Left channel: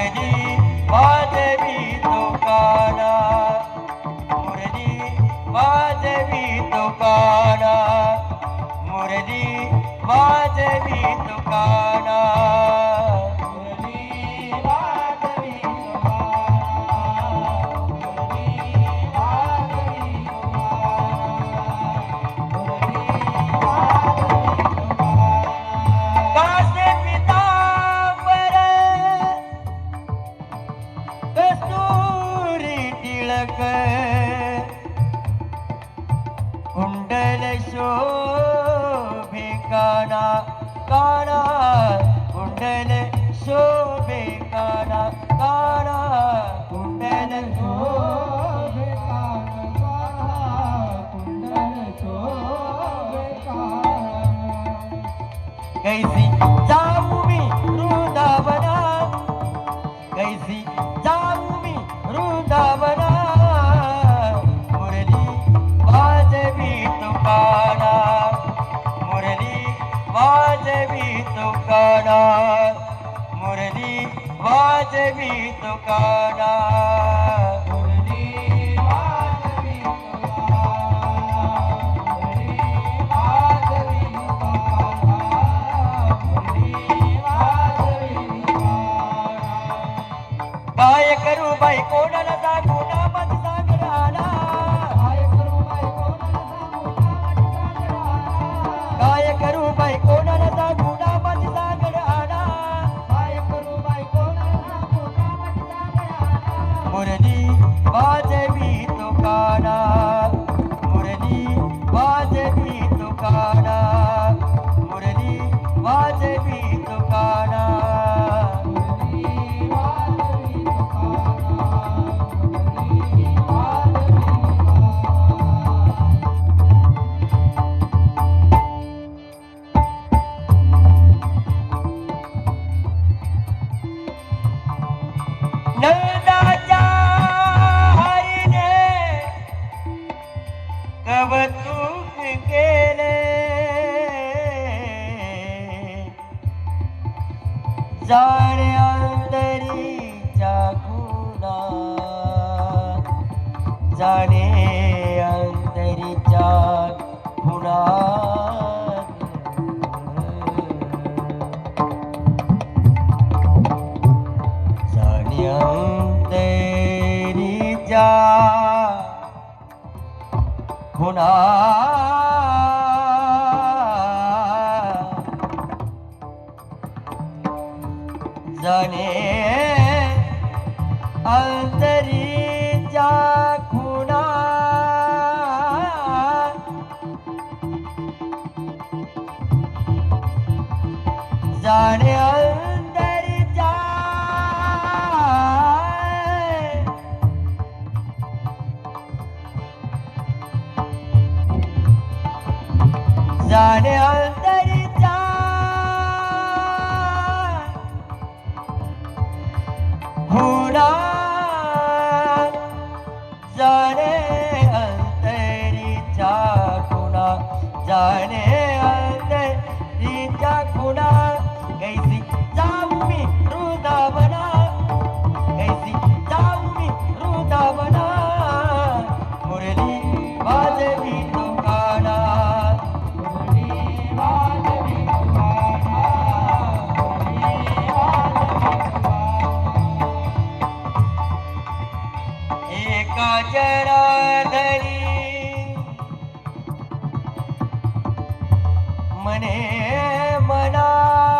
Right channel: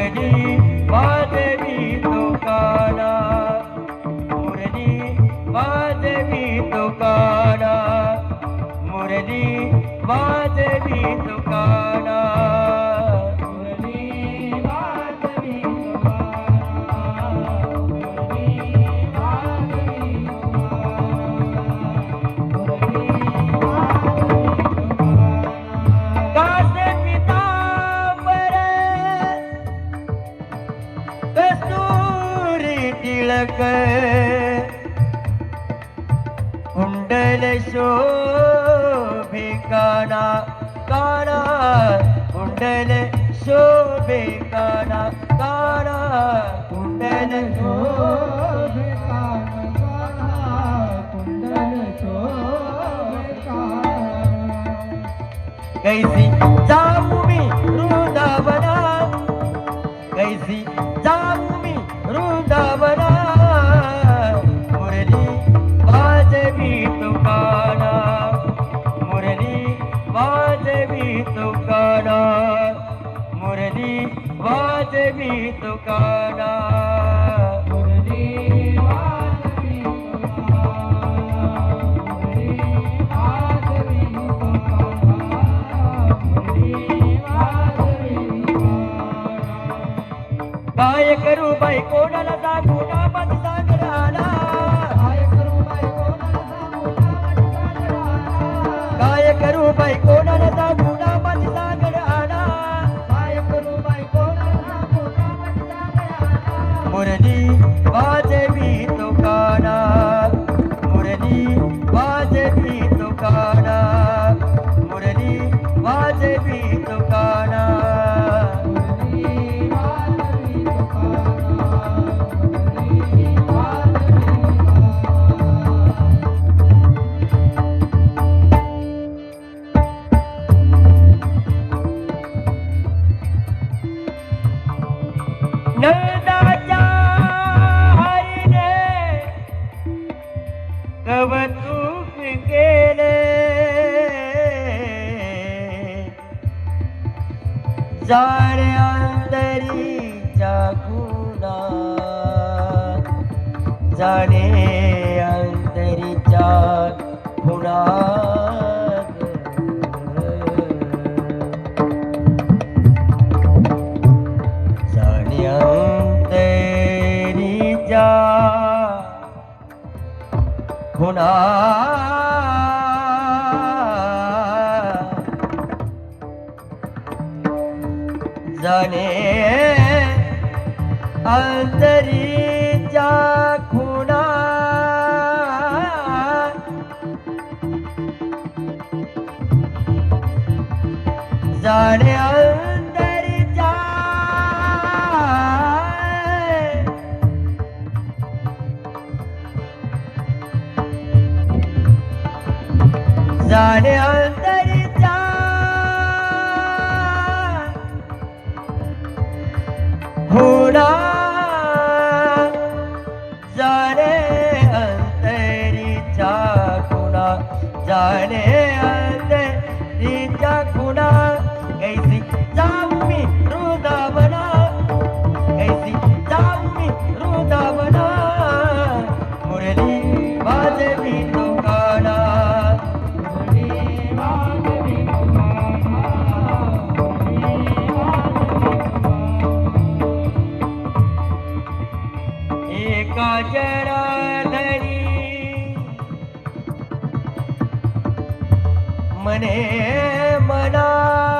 ready. कैसी जाऊ मी वृंदावना कैसी जाऊ मी वृंदावना मुरली वाजवी तुकारा मुरली वाजवी तुकारा मुरली वाजवी तुकारा रा Yeah. મને મના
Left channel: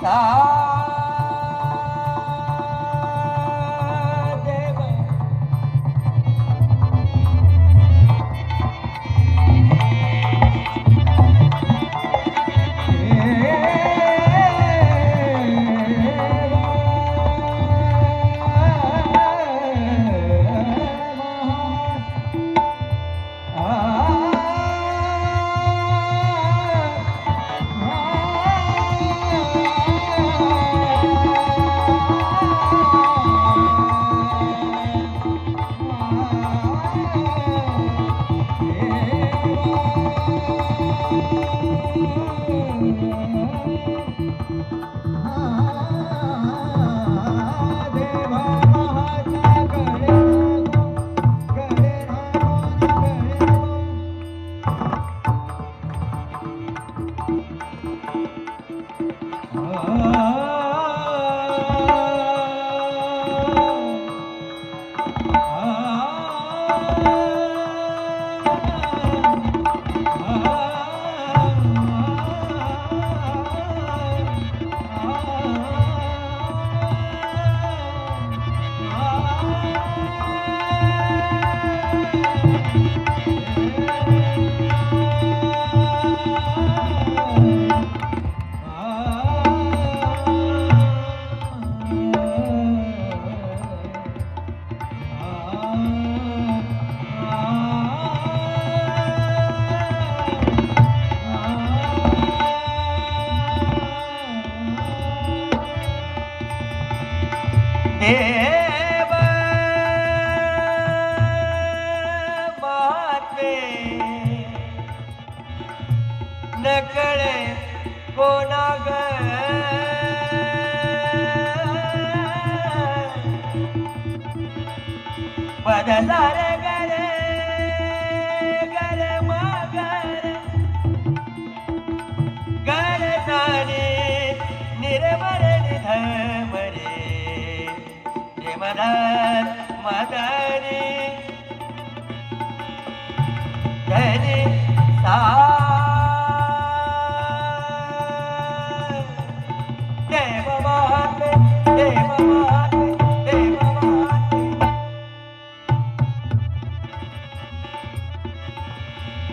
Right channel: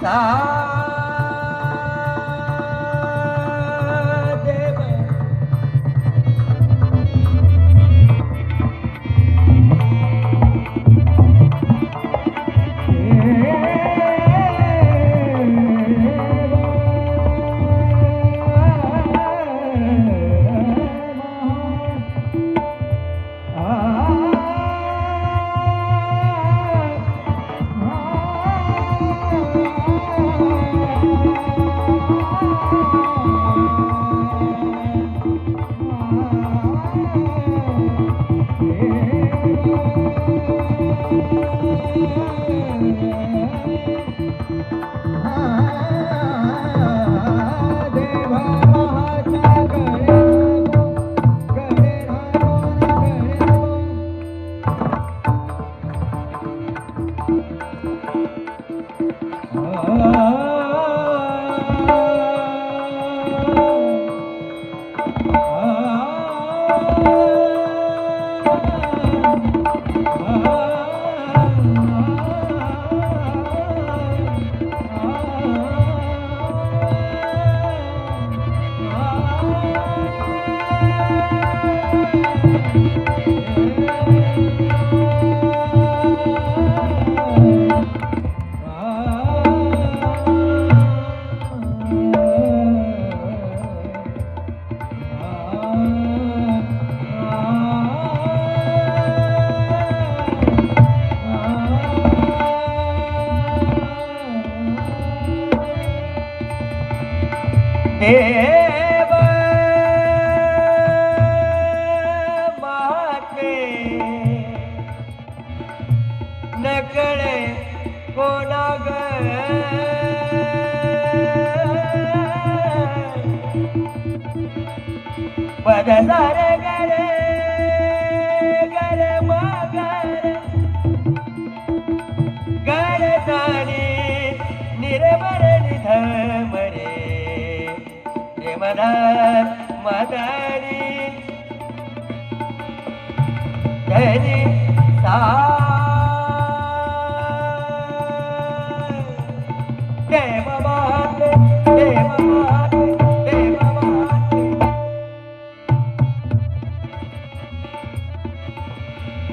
ಸಾ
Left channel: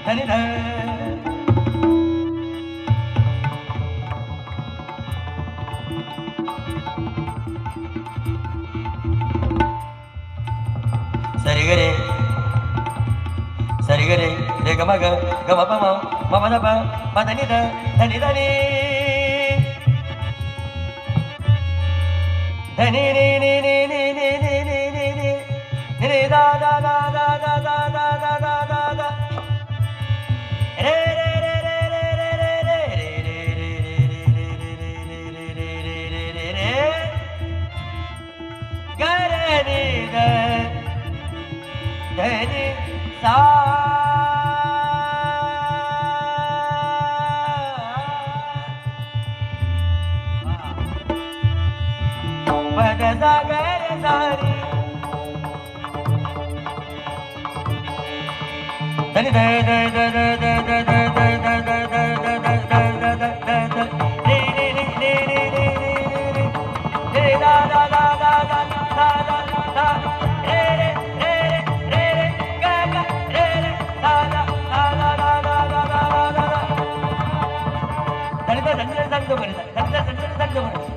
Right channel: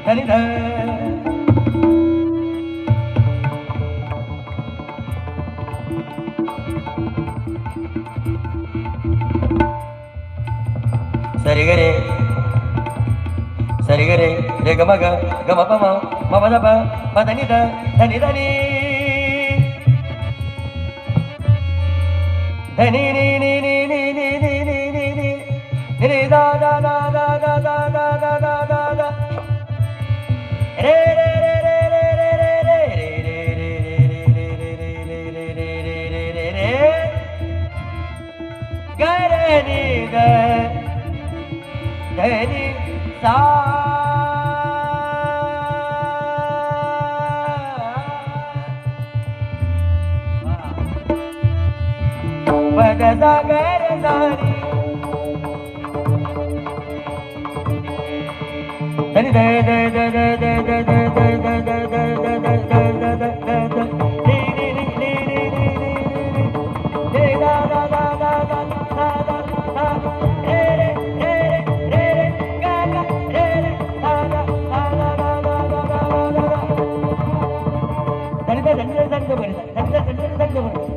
ಧನಿಧ ಸರಿಗರೆ ಸರಿಗರೆ ರೇ ಗಮಗ ಗಮ ಪಮ ಮಮದ ಪ ಮದನಿದ ಧನಿ ಧನಿ ಧನಿ ನೀ ನೀ ನೀ ನೀ ನೀ ನೀ ನೀ ನೀ ನೀ ದಾ ದಾ ದಾ जागर झाली धनी दय दय दय दय दय दय दय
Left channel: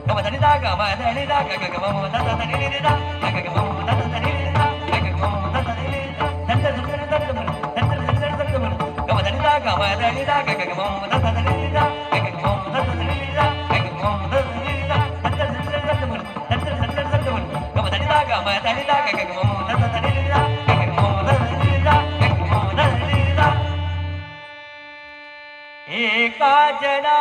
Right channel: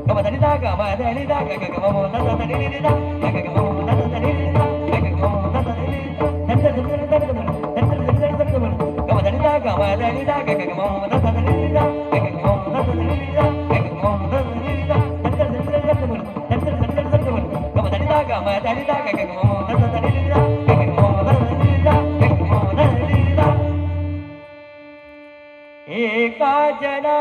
గమ దరిదా గమ దరిదా గగ గమ మమ దద దరిదా గగ గమ మమ దద దరిదా గగ గమ మమ దద దరిదా దంద దంద దంద దంద దంద దంద దంద దంద గమ దరిదా గమ దరిదా గగ గమ మమ దద దరిదా గగ గమ మమ దద దరిదా గగ గమ మమ దద దరిదా దంద దంద దంద దంద దంద దంద దంద దంద గమ దరిదా గమ దరిదా గగ గమ మమ దద దరిదా గగ గమ మమ దద దరిదా గగ గమ మమ దద దరిదా ఏకాజనా